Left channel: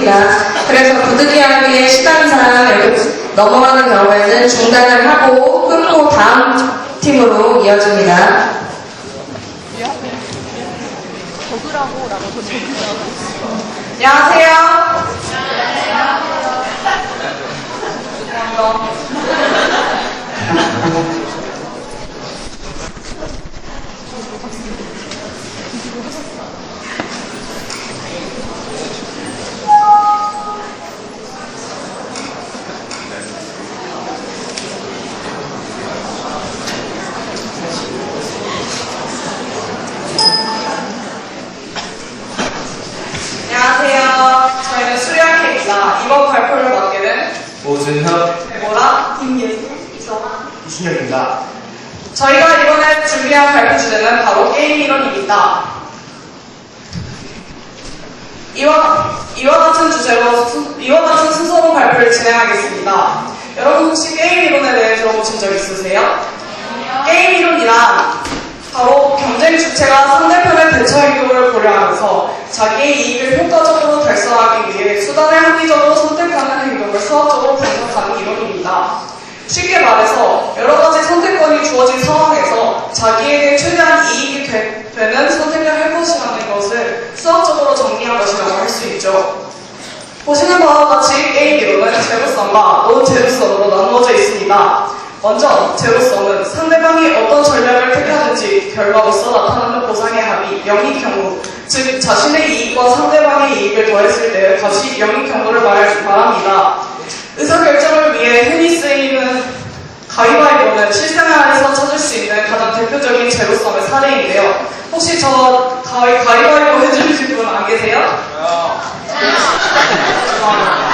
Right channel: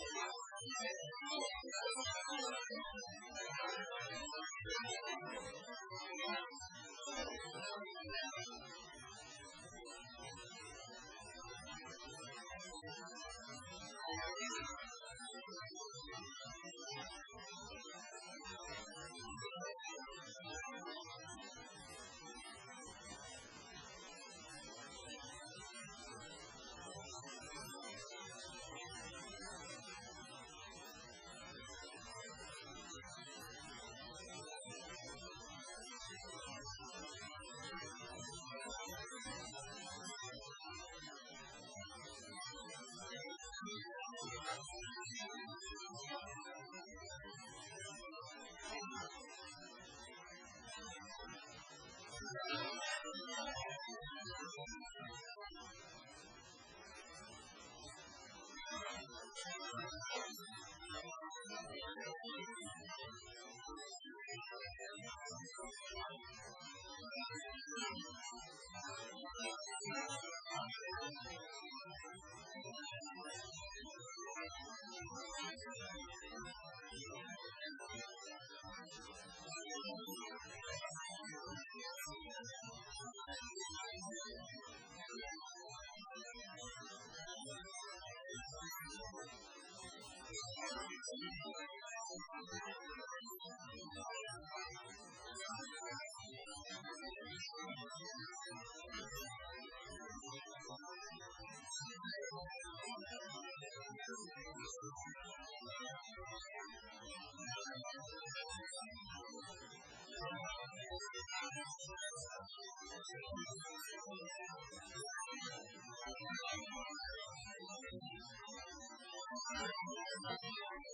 있습니다. 그래서 부득이하게 시간상 이렇게 넘어가는 경우에는 중단을 하고 끊고 다음 팀으로 이어집니다. 안녕하세요. 안녕하세요. 저희는 수리학회입니다. 이번 발표를 맡게 된 오준혁, 데보라, 김예순, 이정아, 이순혁입니다. 저희가 이번에 준비한 발표 주제는 바로 게임 이론입니다. 이와 같은 순서로 발표를 진행하겠습니다. 여러분 혹시 게임 이론에 대해 들어보신 적 있으세요? 게임 이론이란 바로 경쟁 주체가 상대편의 대처 행동을 고려하면서 자기의 이익을 효과적으로 달성하기 위해 수단을 합리적으로 선택하는 행동을 수학적으로 분석하는 이론입니다. 쉽게 말해서 여러 가지 선택권이 주어진 상황에서 자기에게 최대한 이익이 되는 선택을 할 것이라는 것을 수학적으로 정리한 것이라고 할 수 있죠. 보시는 바와 같이 게임 이론은 제로섬과 논 제로섬으로 나누어져 있습니다. 먼저 제로섬은 상대방이 어떤 전략을 택하든지 결과로서 나타나는 보상의 합이 0인 경우, 즉 자신의 이익과 상대방의 이익을 더했을 때의 값이 0인 경우를 말합니다. 의사결정을 위해 흔히 쓰이는 가위바위보는 실생활에서 찾을 수 있는 가장 대표적인 제로섬의 사례인데요. 혹시 저 가위바위보 해주실 분 안 계세요?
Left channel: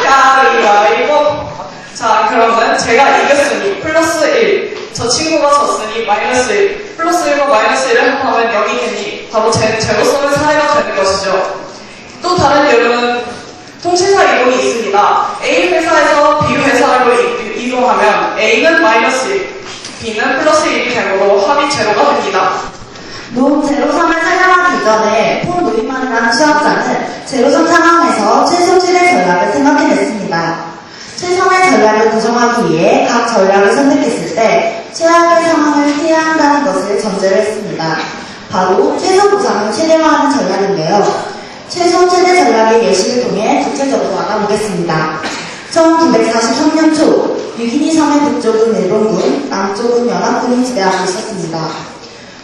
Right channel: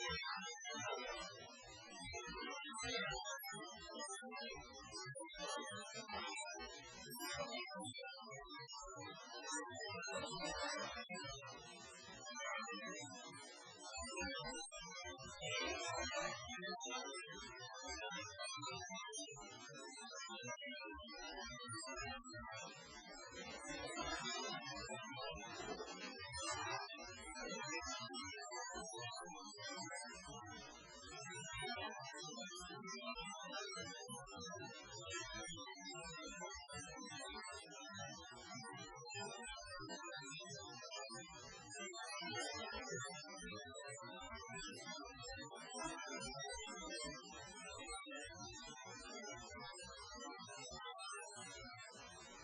가위바위보. 자, 그러면 제가 이겼으니 플러스 1, 저 친구가 졌으니 마이너스 1, 플러스 1과 마이너스 1을 합하면 0이 되니 바로 제로섬의 사례가 되는 것이죠. 또 다른 예로는 통신사 이론이 있습니다. A 회사에서 B 회사로 이동하면 A는 마이너스 1, B는 플러스 1이 되므로 합이 제로가 됩니다. 논 제로섬을 설명하기 이전에 폴 노이만이라는 수학자는 제로섬 상황에서 최소 7의 전략을 생각해냈습니다. 최선의 전략을 구성하기 위해 각 전략을 선택했을 때 최악의 상황을 피해야 한다는 것을 전제로 했습니다. 바로 최소 보상을 최대화하는 전략인데요. 최소 최대 전략의 예시를 통해 구체적으로 알아보겠습니다. 1943년 초 유기니 섬의 북쪽은 일본군, 남쪽은 연합군이 지배하고 있었습니다.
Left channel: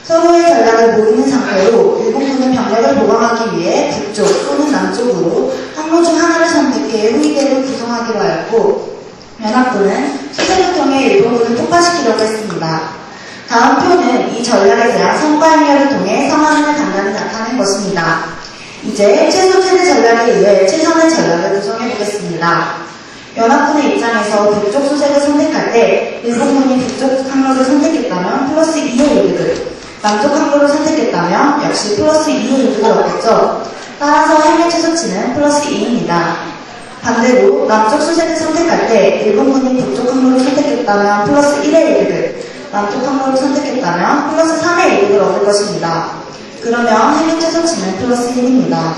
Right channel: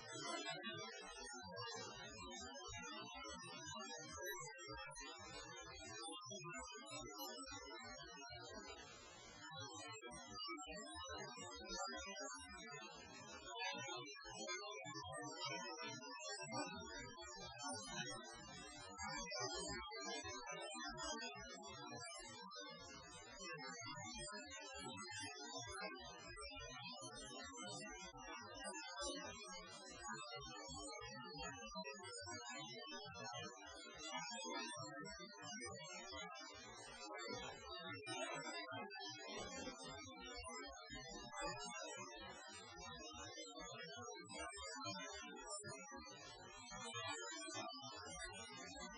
서로의 전략을 모르는 상태로 일본군은 병력을 보강하기 위해 북쪽 또는 남쪽으로 항로 중 하나를 선택해 후위대를 구성하기로 하였고, 연합군은 수색을 통해 일본군을 폭파시키려고 했습니다. 다음 표는 이 전략에 대한 성과 행렬을 통해 상황을 간단히 나타낸 것입니다. 이제 최소 최대 전략에 의해 최선의 전략을 구성해 보겠습니다. 연합군의 입장에서 북쪽 수색을 선택할 때 일본군이 북쪽 항로를 선택했다면 플러스 2의 이득을, 남쪽 항로를 선택했다면 역시 플러스 2의 이득을 얻겠죠. 따라서 행의 최소치는 플러스 2입니다. 반대로 남쪽 수색을 선택할 때 일본군이 북쪽 항로를 선택했다면 플러스 1의 이득을, 남쪽 항로를 선택했다면 플러스 3의 이득을 얻을 것입니다. 그러면 행의 최소치는 플러스 1입니다.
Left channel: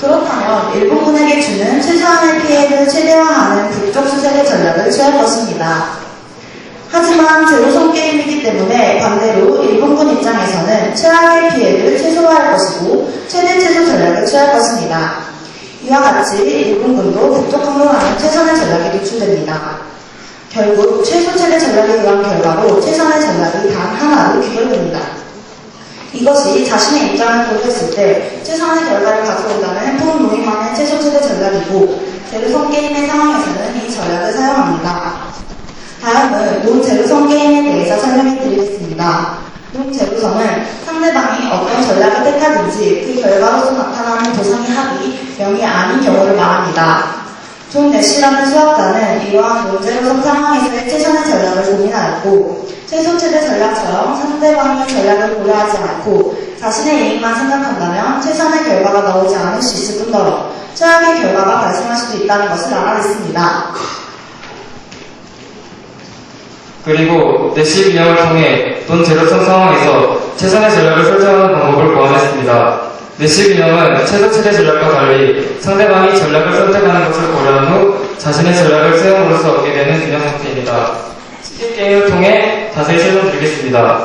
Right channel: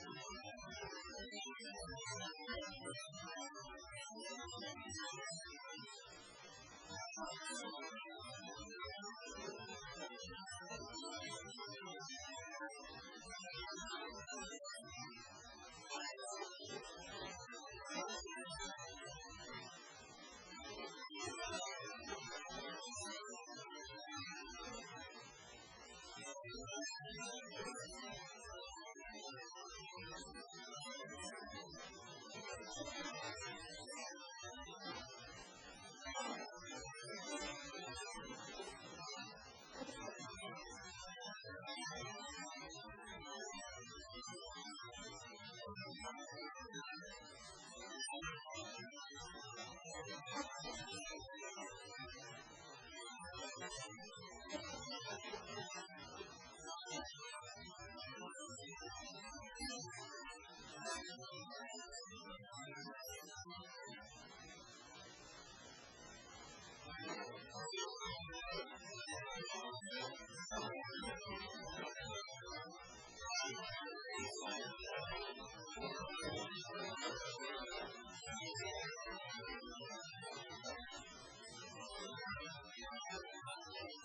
그렇다면 일본군에게 주는 최소한의 피해를 최대화하는 북쪽 수색의 전략을 취할 것입니다. 하지만 제로섬 게임이기 때문에 반대로 일본군 입장에서는 최악의 피해를 최소화할 것이고 최소 전략을 취할 것입니다. 이와 같이 일본군도 북쪽 항로라는 최선의 전략이 노출됩니다. 결국 최소 최대 전략에 의한 결과로 최선의 전략이 단 하나로 귀결됩니다. 이것이 자신의 입장을 고려했을 때 최선의 결과를 가져온다는 폴 노이만의 최소 최대 전략이고, 제로섬 게임의 상황에서는 이 전략을 사용합니다. 다음은 논 제로섬 게임에 대해서 설명해 드리겠습니다. 논 제로섬은 상대방이 어떤 전략을 택하든지 그 결과로서 나타나는 보상의 합이 0이 아닌 경우를 말합니다. 존 내시라는 수학자는 이러한 논 제로섬 상황에서의 최선의 전략을 고민하였고, 최소 최대 전략처럼 상대방의 전략을 고려하지 않고 자신의 이익만 생각한다면 최선의 결과가 나오지 않을 수 있을 뿐더러 최악의 결과가 발생할 수도 있다는 것을 알아냈습니다. 그리고 내시 비형을 통해 논 제로섬 상황에서 최선의 전략을 설정하는 방법을 고안했습니다. 내시 균형은 최소 최대 전략과 달리 상대방이 전략을 선택하는 것을 고려한 후 자신의 전략을 수행으로써 얻게 되는 균형 상태입니다. 치킨 게임을 통해 자세히 설명드리겠습니다.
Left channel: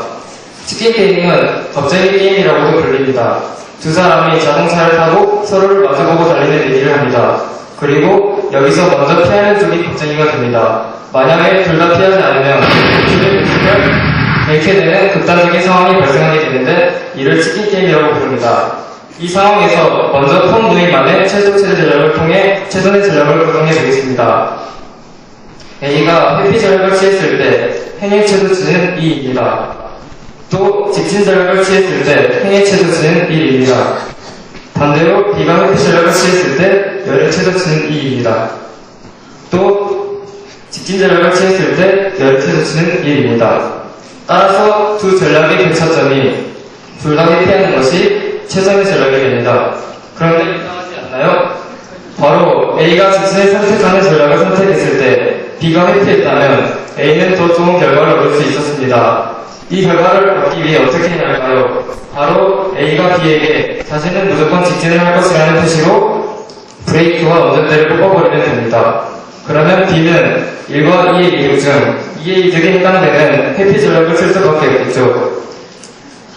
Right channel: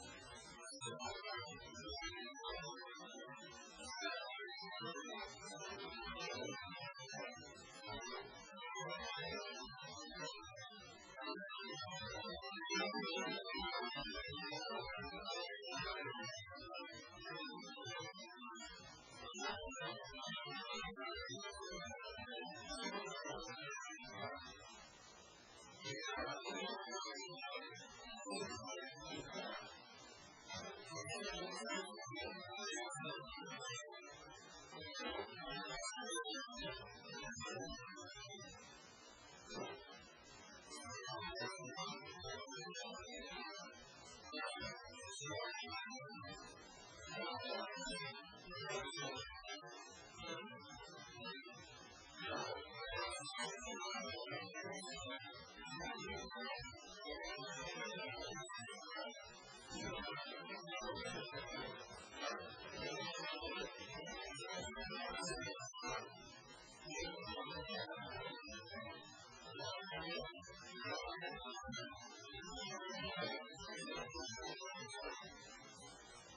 치킨 게임은 겁쟁이 게임이라고도 불립니다. 두 사람이 자동차를 타고 서로를 마주보고 달리는 얘기를 합니다. 그리고 여기서 먼저 피하는 쪽이 겁쟁이가 됩니다. 만약에 둘 다 피하지 않으면 줄을 놓치면 이렇게 되는 극단적인 상황이 발생하게 되는데 이를 치킨 게임이라고 부릅니다. 이 상황에서 먼저 폰 누이만의 최소 최대 전략을 통해 최선의 전략을 구성해 보겠습니다. A가 회피 전략을 취했을 때 행의 최소치는 2입니다. 또 직진 전략을 취했을 때 행의 최소치는 1입니다. 반대로 B가 회피 전략을 취했을 때 열의 최소치는 2입니다. 또 직진 전략을 취했을 때 열의 최소치는 1입니다. 따라서 두 전략의 교차점이 둘 다 회피하는 것이 최선의 전략이 됩니다. 그런데 이상하지 않나요? 바로 A가 직진을 선택하는 전략을 선택했을 때 B가 회피했다면 A는 더 좋은 결과를 얻을 수 있었습니다. 이 결과를 얻기 위해 어떻게 해야 할까요? 바로 A가 B에게 자신은 무조건 직진을 할 것이라는 표시로 브레이크와 운전대를 뽑아버리면 됩니다. 그러면 B는 1과 2의 이유 중 2의 이득에 해당되는 회피 전략을 쓸 수밖에 없겠죠.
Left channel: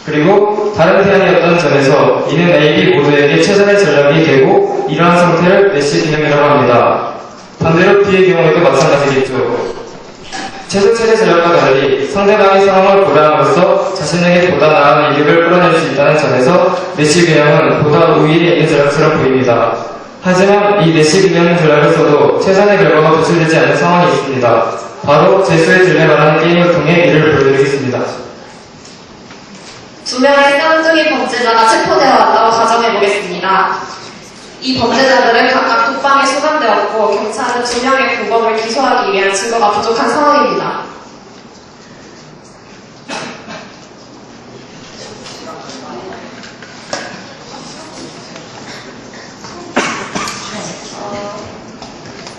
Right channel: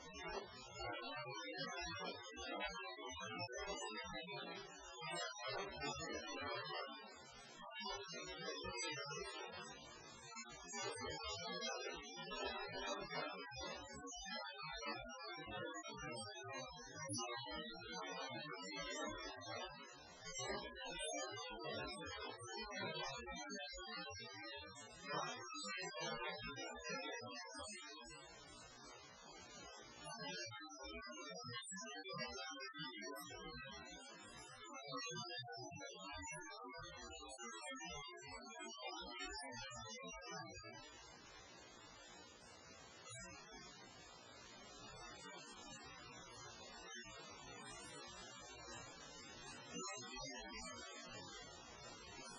그리고 다른 태안이었던 점에서 이는 A, B 모두에게 최선의 전략이 되고 이러한 상태를 내시 균형이라고 합니다. 반대로 B의 경우에도 마찬가지겠죠. 최소 최대 전략과 달리 상대방의 상황을 고려함으로써 자신에게 보다 나은 이득을 끌어낼 수 있다는 점에서 내시 균형은 보다 우위에 있는 전략처럼 보입니다. 하지만 이 내시 균형 전략을 써도 최선의 결과가 도출되지 않는 상황이 있습니다. 바로 제수의 딜레마라는 게임을 통해 이를 보여드리겠습니다. 두 명의 쌍둥이 범죄자가 체포되어 왔다고 가정해보겠습니다. 이 범죄자들은 각각 독방에 수감되었고 경찰은 두 명의 공범을 기소하기 위한 증거가 부족한 상황입니다.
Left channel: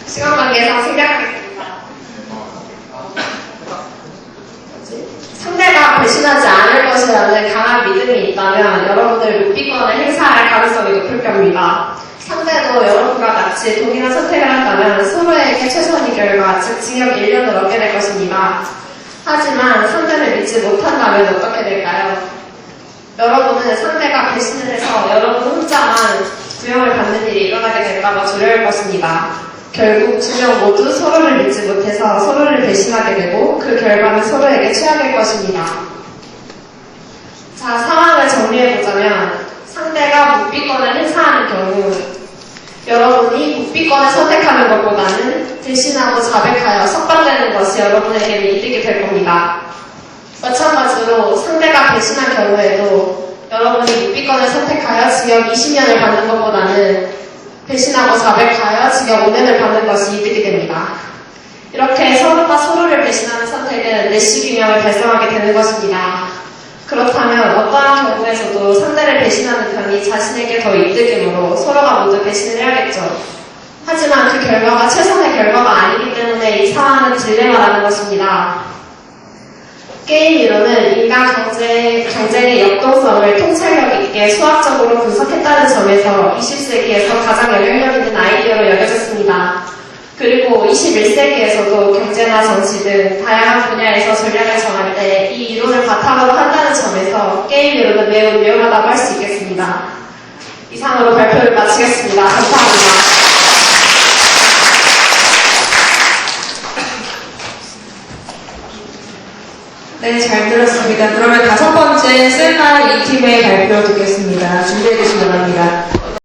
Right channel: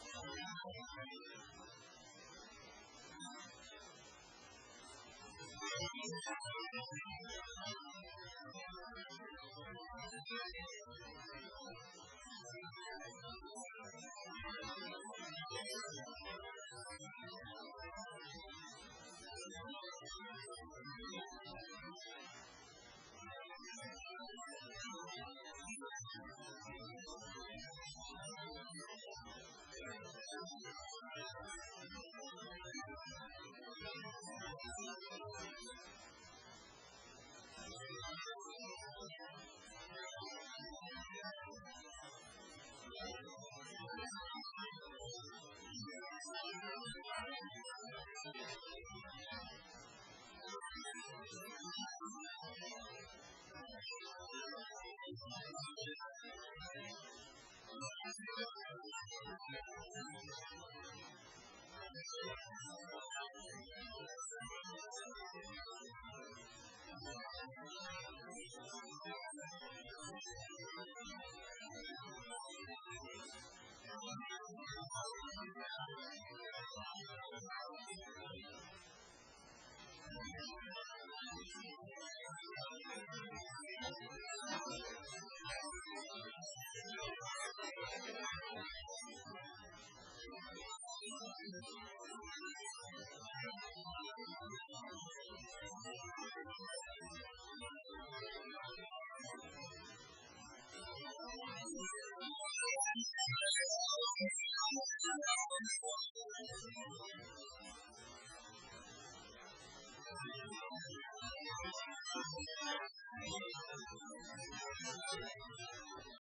시간 관계상 생략하겠습니다. 상대가 배신하지 않을 것이라는 강한 믿음이 있다면 여러분들 묵비권을 행사할 가능성이 높을 겁니다. 상대도 여러분과 같이 동일한 선택을 한다면 서로에게 최선의 결과, 즉 징역 1년을 얻게 될 것입니다. 하지만 상대를 믿지 못한다면 어떻게 될까요? 여러분은 상대가 배신을 해서 여러분 혼자만 구형을 받는 일이 일어나게 될까봐 두려울 것입니다. 결국 두 명 모두 서로를 믿지 못해서 서로를 배신하게 되고 그 결과는 서로에게 최악일 것입니다. 자, 상황을 정리해보자면 상대가 묵비권을 행사하는 경우 여러분이 묵비권을 선택하는 것보다는 대신하고 자백하여 석방되는 것이 여러분에게는 이득이 될 겁니다. 마찬가지로 상대가 배신한 경우에도 여러분이 묵비권을 선택하여 징역 20년을 받는 것보다는 배신하고 자백하여 징역 5년을 받는 것이 이득이 됩니다. 이렇게 서로가 서로를 배신하는 선택은 내시 균형을 달성하게 되는 것입니다. 그렇다면 어떠한 경우에서도 상대를 배신하는 편이 자신에게 더 이득이므로 서로가 모두 배신을 해야겠죠. 하지만 그 결과가 최선의 결과가 아니기 때문에 이 상황은 딜레마라는 것입니다. 게임 이론은 인간 경쟁의 역동성을 통찰력 있게 수학적으로 분석했다는 점에서 20세기에서 가장 영향력 있는 아이디어로 여겨졌습니다. 그리고 21세기에서도 경제나 정치 등 다양한 분야에서 전략을 정할 때 이 이론을 바탕으로 한다는 점에서 게임 이론은 매우 유용하다고 할 수 있겠습니다. 이상으로 발표를 마치겠습니다. 감사합니다. 네, 잘 들었습니다. 그러면 다섯 번째 셀마 2팀의 발표 듣겠습니다.